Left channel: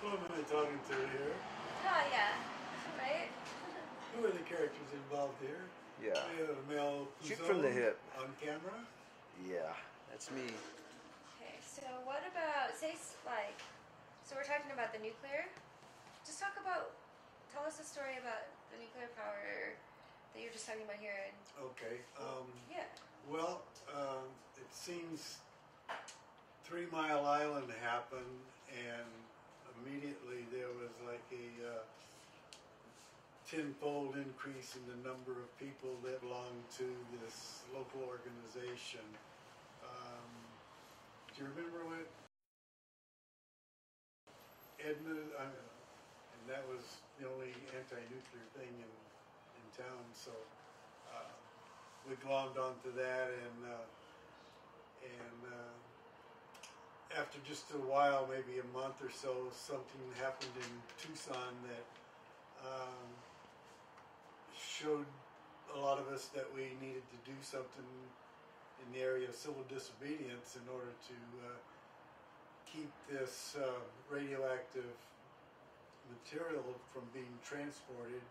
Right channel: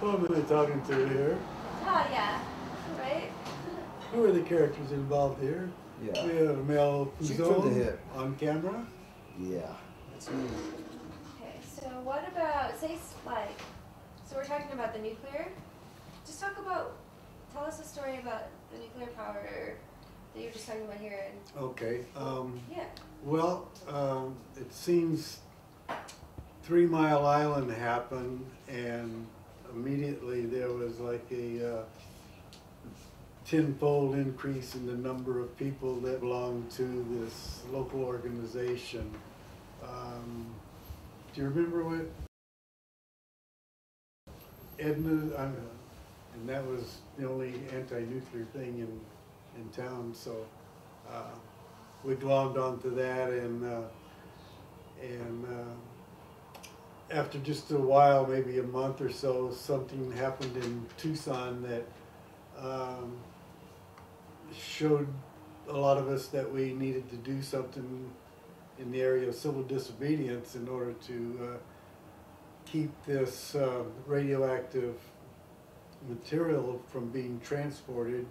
Who am I talking to here? Oh, yeah. Right? Who are the characters involved here? Yeah. We have Mel Shoot from the Puzon hip. on camera. Yeah, that's me. Okay, so what about, say, like, so we're talking about the nuclear. Just tell us a story about the nuclear power that you were just talking about here. And, Okay. yeah. Well, it seems 3 Mile Island happened, and immediately there was like a tenfold increase in the number of people that belonged to this local organization. Do you remember what Edna, and that was the only anti-nuclear thing in town, so we glommed onto that, and after just a while, maybe a month or so, something happened in Tucson that showed a lot of us that we needed to do something in the area of civil disobedience in order to keep this radioactive material from being transported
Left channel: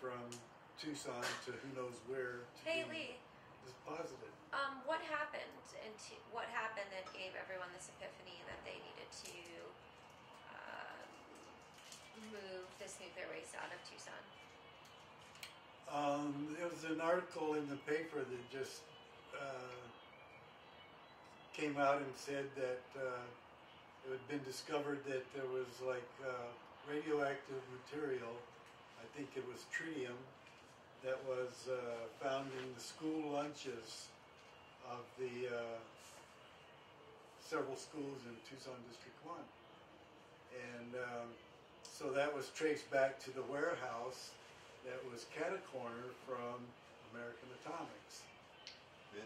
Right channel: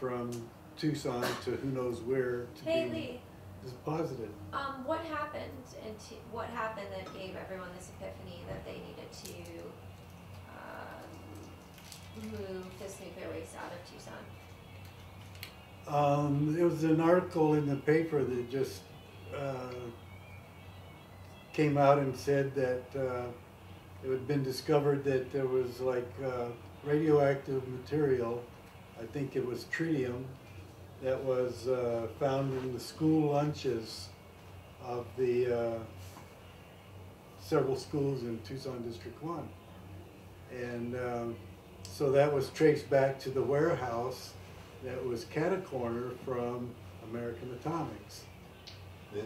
from Tucson to who knows where to Hey, be Lee. deposited. What happened what happened that gave everyone this epiphany that they needed to move this nuclear waste out of Tucson? There was an article in the paper that just came out and said that it had been discovered that there was like radioactive material, I think it was tritium, that was found in the school lunches of the several schools in Tucson District 1. And so that was traced back to the warehouse that was cat-a-corner from American Atomics. This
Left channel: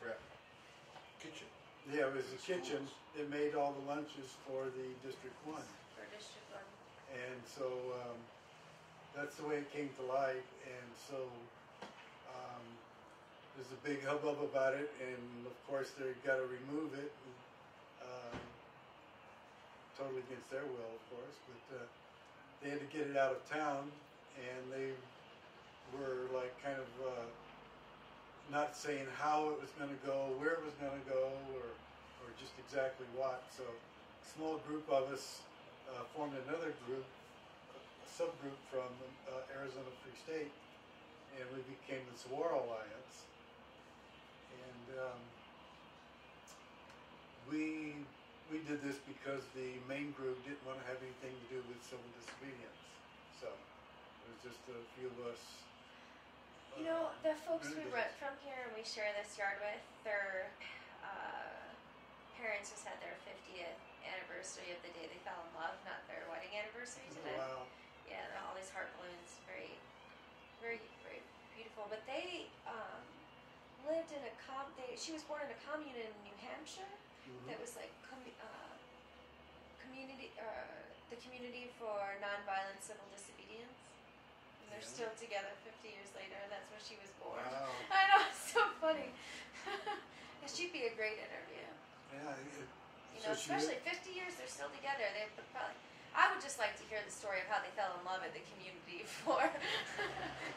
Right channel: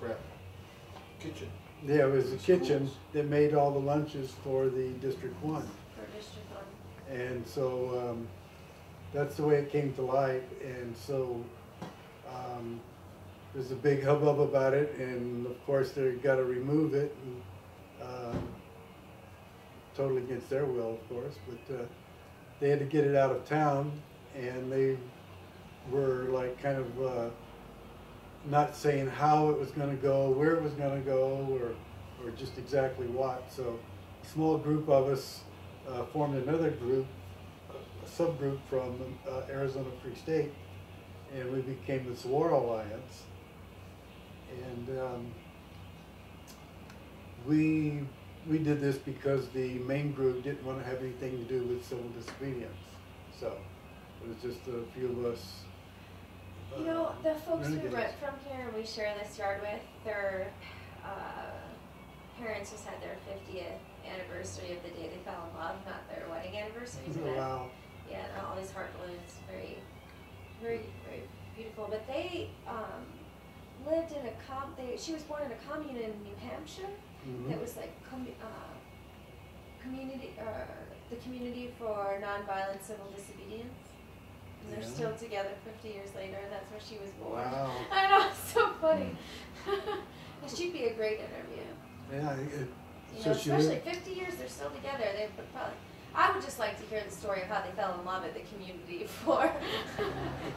crap kitchen. Yeah, it was a kitchen that made all the lunches for the District 1. For District 1. And so that's the way it came to light. And so there's a big hubbub about it. And of course, they got to remove it. And, totally against their will, of course. But they had to get it out of town. And they were like kind of not saying how it was going to go, where it was going to go, or just exactly what. So a small group of us formed another group, a subgroup from Arizona Free State, and we became the Saguaro Alliance. And we did this because the main group didn't want to have anything to do with civil disobedience. So it was just a few of us. You know, the folks we renegades. rent from here and we share this yard with, their parents just had their 50th anniversary of the day they fell in love, not their wedding anniversary today. Wow. Yeah, all these heart balloons, very, very, very beautiful. But they lived in she was born in a commune in New Hampshire. Mm-hmm. That was like community, the community for nonviolent civil disobedience. And they're Yeah. still together 50 years later, and that's where she was born. Wow. I know, it's so funny. She'd be a great interview. Yeah. You So know, she especially lived, 50 years, they're still together. They would probably. I would just like to hear the story of how they fell in love at the community for a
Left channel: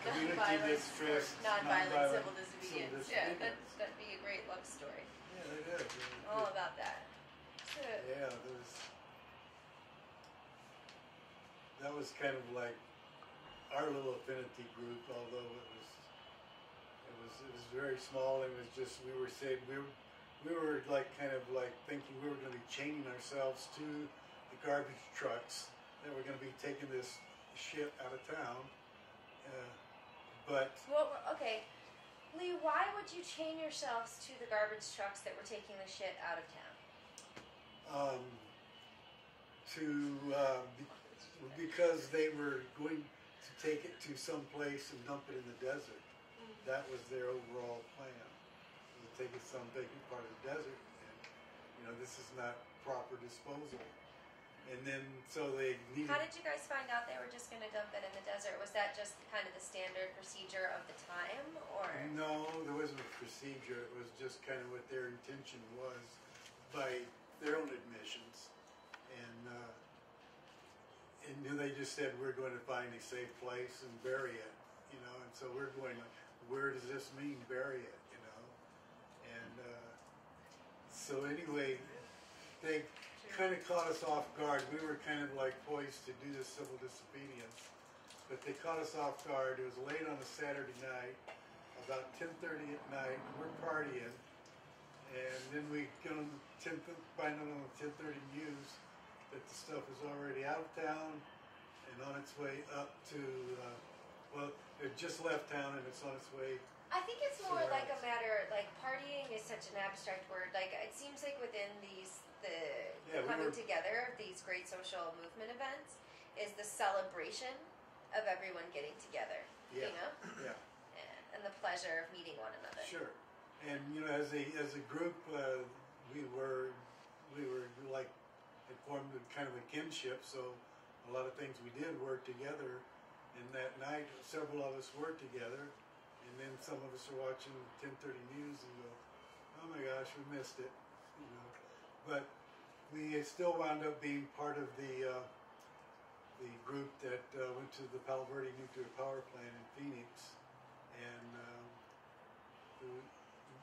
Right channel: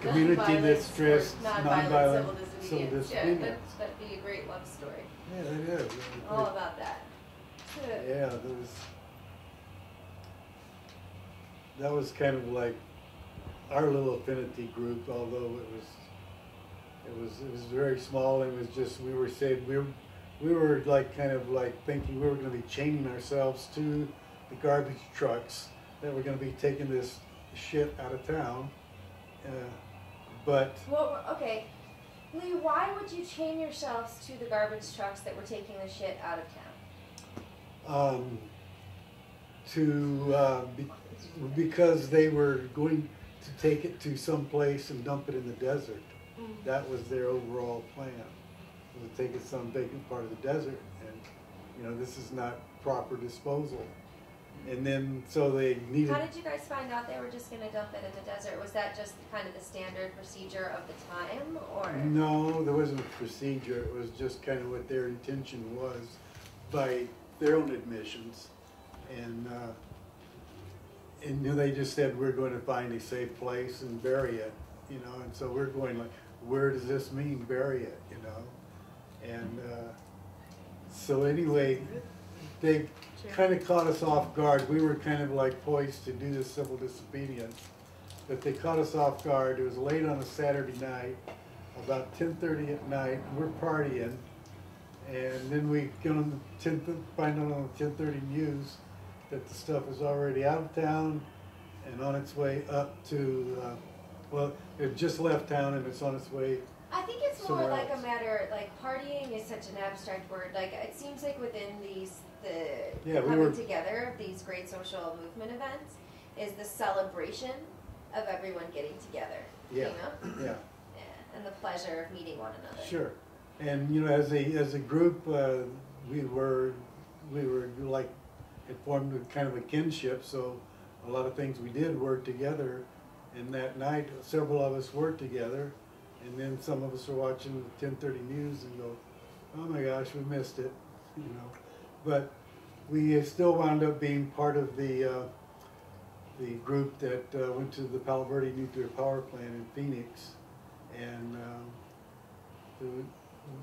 community that nonviolence, stressed nonviolent nonviolent civil civil disobedience. Yeah, disobedience. that'd be a great love story. Yeah, that is. All about that. Yeah, that was kind of like our little affinity group, although it was very small. It was just we were saying we were like kind of like thinking we were going to be chaining ourselves to the garbage trucks that were going to be taking this shit out of town. But Well, okay, Lee, why would you chain yourselves to the garbage trucks that were taking the shit out of town? Because they were going to take it to some place and dump it in the desert. Mm. That was their overall plan, was to take it to some vacant part of the desert, and you know, this is not proper disposal. And then so they needed. How did you guys find out they were just going to dump it in the desert? Was that just kind of the standard procedure of the time, or? No, there wasn't a procedure. It was just kind of what their intention was by their own admissions. and they just said we're going to find a safe place and bury it, you know. And so we're going like, where does this mean bury it, you know? And so anyway, they kind of caught us off guard. We were kind of like poised to do the civil disobedience, but they caught us off guard. It was late on a Saturday night, about 10:30 at night, and we're partying. And then we get on the find out on the 10:30 news that the stuff is already out of town and on its way up to, well, it just left town and it's on its way. I think it's more somewhere like else. a matter, like partying is such an abstract word. Like it seems like within the coming together of these great social movement events is the celebration of everyone getting together. Yeah. You know? Yeah. Yeah. And the pleasure of meeting one another. Sure. And you know, as a group, we were like, it formed a kind of a kinship. So a lot of things we did work together. And that night, several of us worked together. And then some of us are watching the 10:30 news and go, "Oh my gosh, we missed it," you know. But we still wound up being part of the group that went to the Palo Verde nuclear power plant in Phoenix, and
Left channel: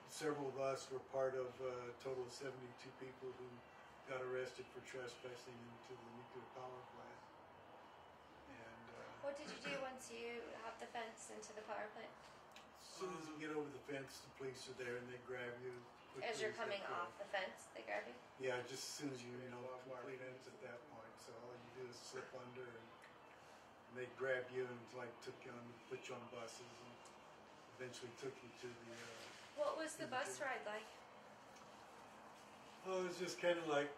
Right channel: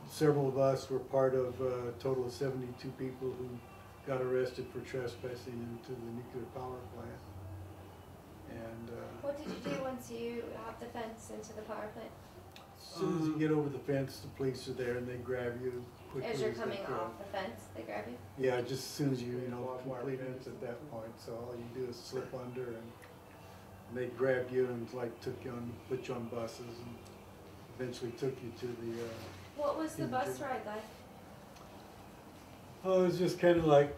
several of us were part of a total of 72 people who got arrested for trespassing into the nuclear power plant. And What did you do once you hopped the fence into the power plant? as soon as you get over the fence, the police are there and they grab you quickly. As you're they coming could. off the fence, they grab you? Yeah, just as soon as you complete it at that point. So all you do is slip under and they grabbed you and like put you on buses and eventually took you to the. What was the bus jail. ride like? Oh, it was just kind of like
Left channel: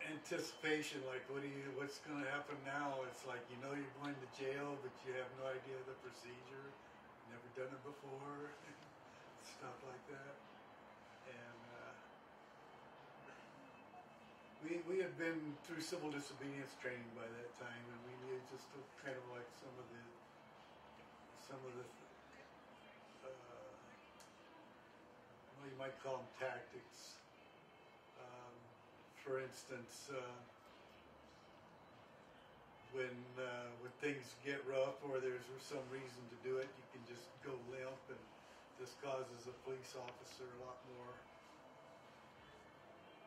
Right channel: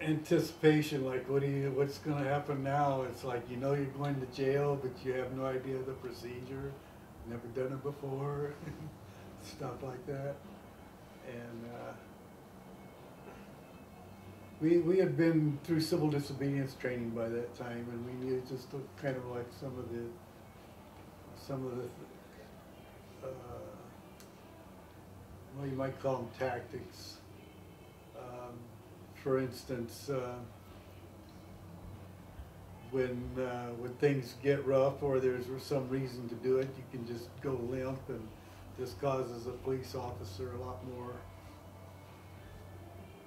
anticipation, like what's going to happen now? It's like you know you're going to jail, but you have no idea the procedure. Never done it before, stuff like that. And we had been through civil disobedience training by that time, and we knew just kind of like some of the well, you might call them tactics. For instance, when things get rough or there's some reason to do it, you can just go limp, and this causes a police officer a lot more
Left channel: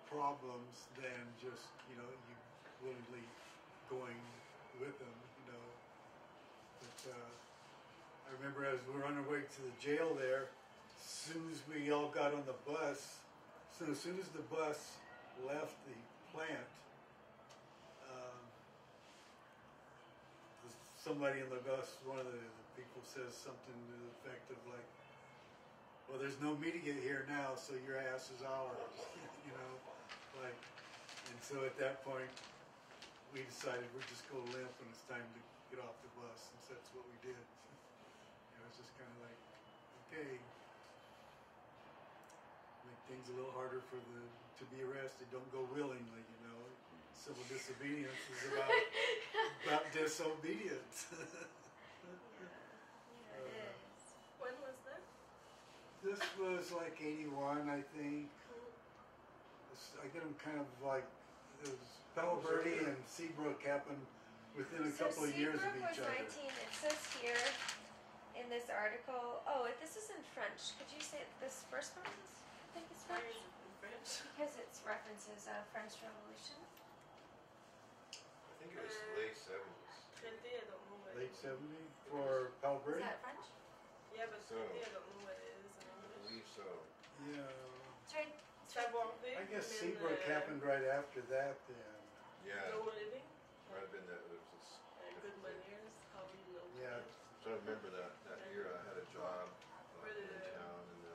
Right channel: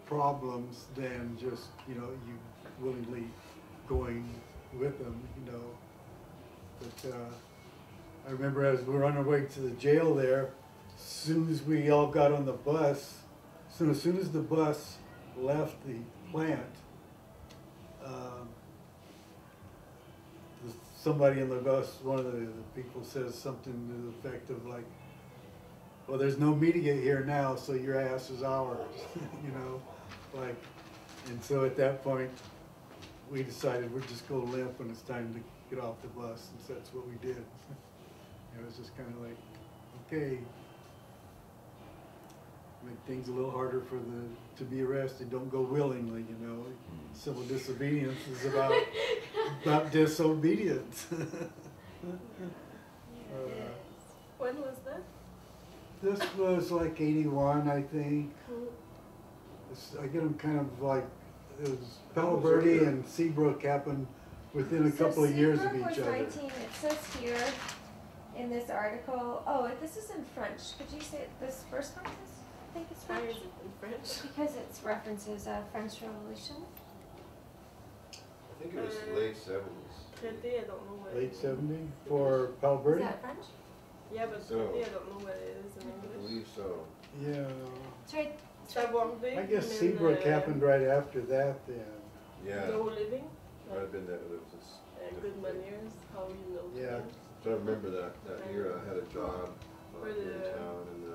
problems than just, you know, you willingly going with them, you know. But I remember as we were on our way to the jail there, as soon as we all got on the bus, so as soon as the bus left the plant, somebody in the bus, one of the people says something to the effect of like, "Well, there's no media here now, so your ass is ours," you know, like. And so at that point, we decided we'd just go limp when it's time to get off the bus, and so that's what we did. It was just kind of like, okay, make things a little harder to be arrested. Don't go willingly, you know. Civil disobedience is about disobedience. When was that? This was like 81, I think. I get them kind of like, it was Palo Verde and Seabrook happened within a couple of years of each other. Was 19, it says here in this article, oh, this is in French. Could you say this first part? I think it's Why French. is it in French? Because it references French Revolution. I think it was late 70s. Traité, I don't know what Late it is. 70 for Palo Is Verde? that French? Yeah, but So- traité, I don't know what it is in I English. believe so. Yeah. Sorry. Savoir vivre. I guess and then, Seabrook happened right after that then. Yeah. No living. Might have been that. It was just, Good manners, how you know Yeah. things. so I remember that year I had a job For in the town, and